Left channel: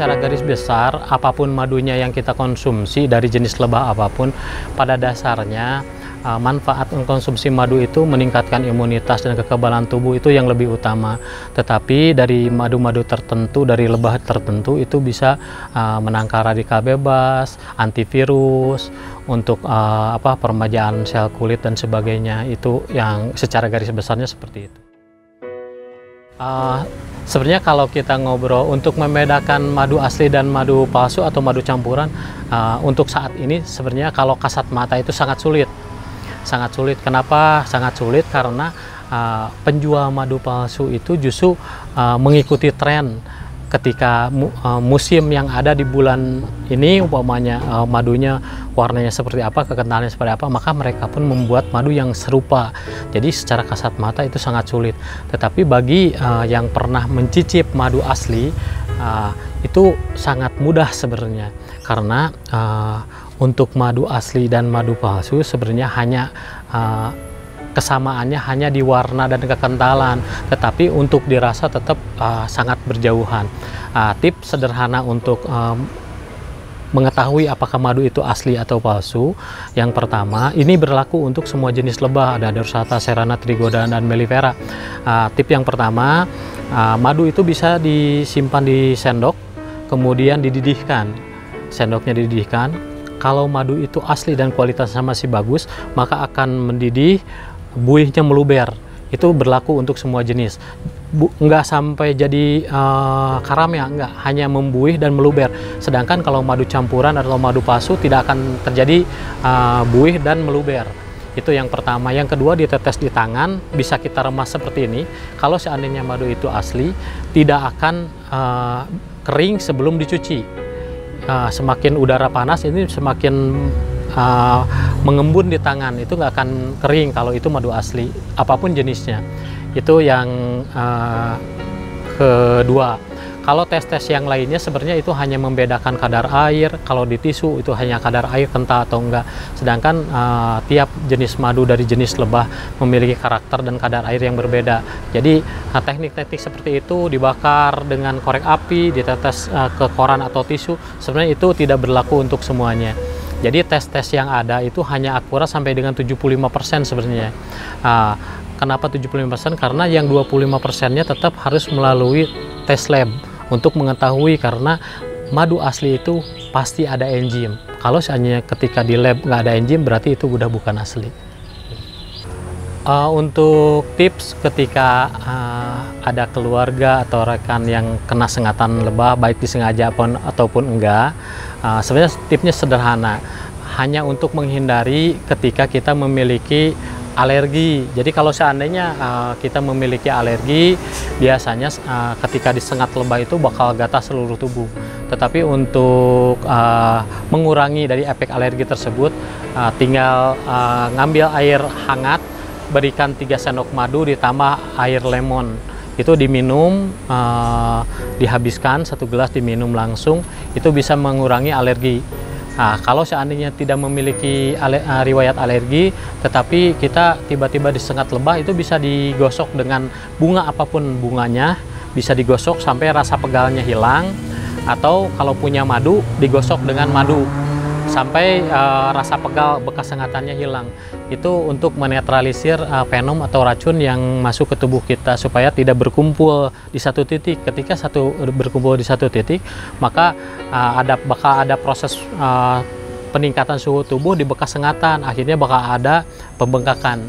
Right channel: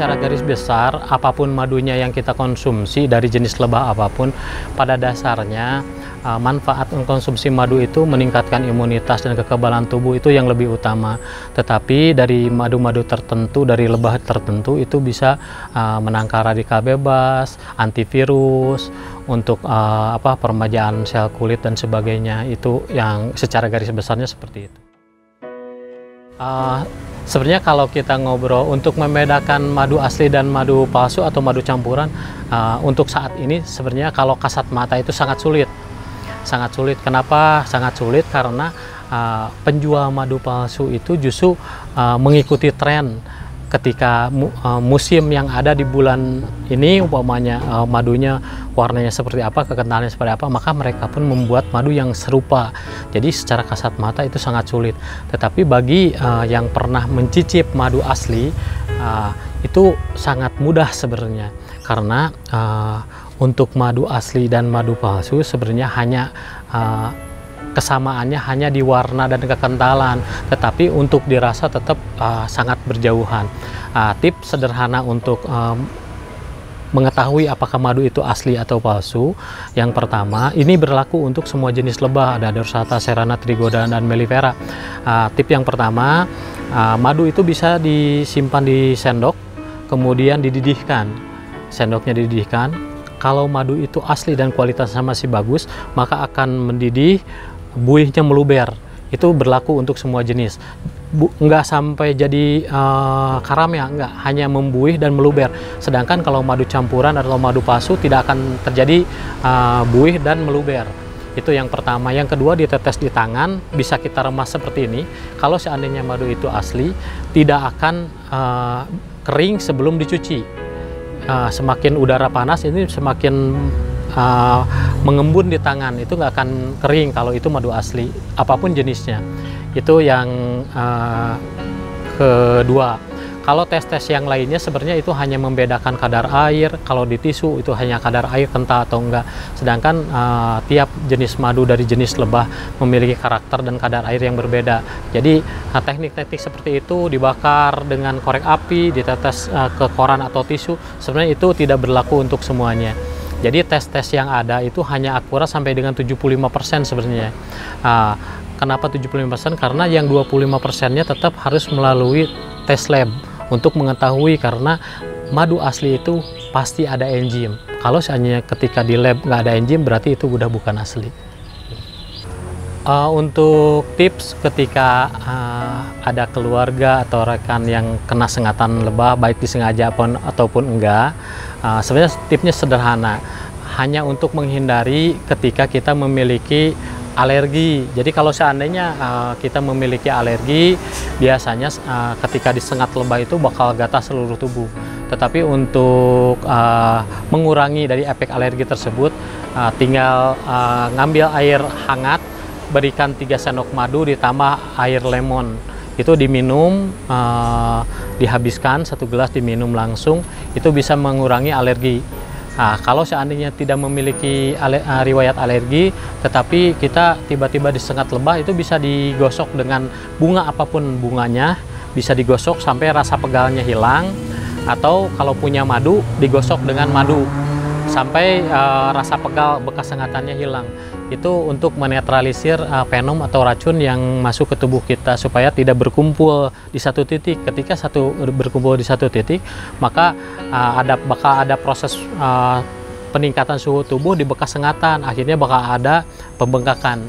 secara garis besar, apapun madunya yang kita konsumsi dari jenis lebah apapun, pada dasarnya manfaat mengkonsumsi madu itu meningkatkan imunitas dan kekebalan tubuh itu yang lebih utama. Tetapi dari madu-madu tertentu, dari lebah tertentu itu bisa menangkal radikal bebas, antivirus, untuk peremajaan sel kulit dan sebagainya. Itu yang secara garis besarnya seperti itu. Sebenarnya kalau kita ngobrol untuk membedakan madu asli dan madu palsu atau madu campuran, untuk saat ini sebenarnya kalau kasat mata itu sangat sulit. Sangat sulit. Kenapa sangat sulit? Karena penjual madu palsu itu justru mengikuti tren. Ketika musim yang ada di bulan ini, umpamanya madunya warnanya seperti apa, kekentalannya seperti apa, maka mereka pun membuat madu yang serupa. Jadi secara kasat mata itu sangat sulit. Tetapi bagi yang pernah mencicip madu asli, itu sangat mudah sebenarnya. Karena untuk madu asli dan madu palsu sebenarnya hanya kesamaannya hanya di warna dan kekentalan, tetapi untuk dirasa tetap sangat berjauhan. Tips sederhana untuk mengetahui apakah madu itu asli atau palsu, yang pertama, ini berlaku untuk semua jenis lebah, ada Dorsata, Serrana, Trigoda, dan Mellifera. Tip yang pertama, madu itu bisa disimpan di sendok, kemudian dididihkan. Sendoknya dididihkan. Kalau madu itu asli dan kualitasnya masih bagus, maka akan mendidih, buihnya meluber. Itu berlaku untuk semua jenis. Nggak sampai jadi karam ya, nggak, hanya membuih dan meluber. Sedangkan kalau madu campuran atau madu palsu tidak akan terjadi buih dan meluber. Itu yang pertama. Yang kedua, ditetes di tangan, bisa kita remas seperti ini. Kalau seandainya madu itu asli, tidak akan kering sebelum dicuci. Semakin udara panas ini semakin mengembun di tangan, itu nggak akan kering kalau itu madu asli apapun jenisnya. Itu yang kedua. Kalau tes-tes yang lainnya sebenarnya itu hanya membedakan kadar air. Kalau di tisu itu hanya kadar air kental atau enggak. Sedangkan tiap jenis madu dari jenis lebah memiliki karakter dan kadar air yang berbeda. Jadi teknik-teknik seperti itu, dibakar dengan korek api, ditetes ke koran atau tisu, sebenarnya itu tidak berlaku untuk semuanya. Jadi tes-tes yang ada itu hanya akurat sampai dengan 75% sebenarnya. Kenapa 75%? Karena yang 25%-nya tetap harus melalui tes lab untuk mengetahui, karena madu asli itu pasti ada enzim. Kalau seandainya ketika di lab nggak ada enzim, berarti itu udah bukan asli. Untuk tips ketika ada keluarga atau rekan yang kena sengatan lebah, baik disengaja ataupun enggak, sebenarnya tipsnya sederhana, hanya untuk menghindari ketika kita memiliki alergi. Jadi kalau seandainya kita memiliki alergi, biasanya ketika disengat lebah itu bakal gatal seluruh tubuh. Tetapi untuk mengurangi dari efek alergi tersebut, tinggal ngambil air hangat, berikan 3 sendok madu ditambah air lemon. Itu diminum, dihabiskan 1 gelas, diminum langsung, itu bisa mengurangi alergi. Kalau seandainya tidak memiliki riwayat alergi, tetapi kita tiba-tiba disengat lebah, itu bisa digosok dengan bunga apapun bunganya, bisa digosok sampai rasa pegalnya hilang, atau kalau punya madu, digosok dengan madu sampai rasa pegal bekas sengatannya hilang. Itu untuk menetralisir venom atau racun yang masuk ke tubuh kita supaya tidak berkumpul di satu titik. Ketika berkumpul di satu titik, maka bakal ada proses peningkatan suhu tubuh di bekas sengatan, akhirnya bakal ada pembengkakan.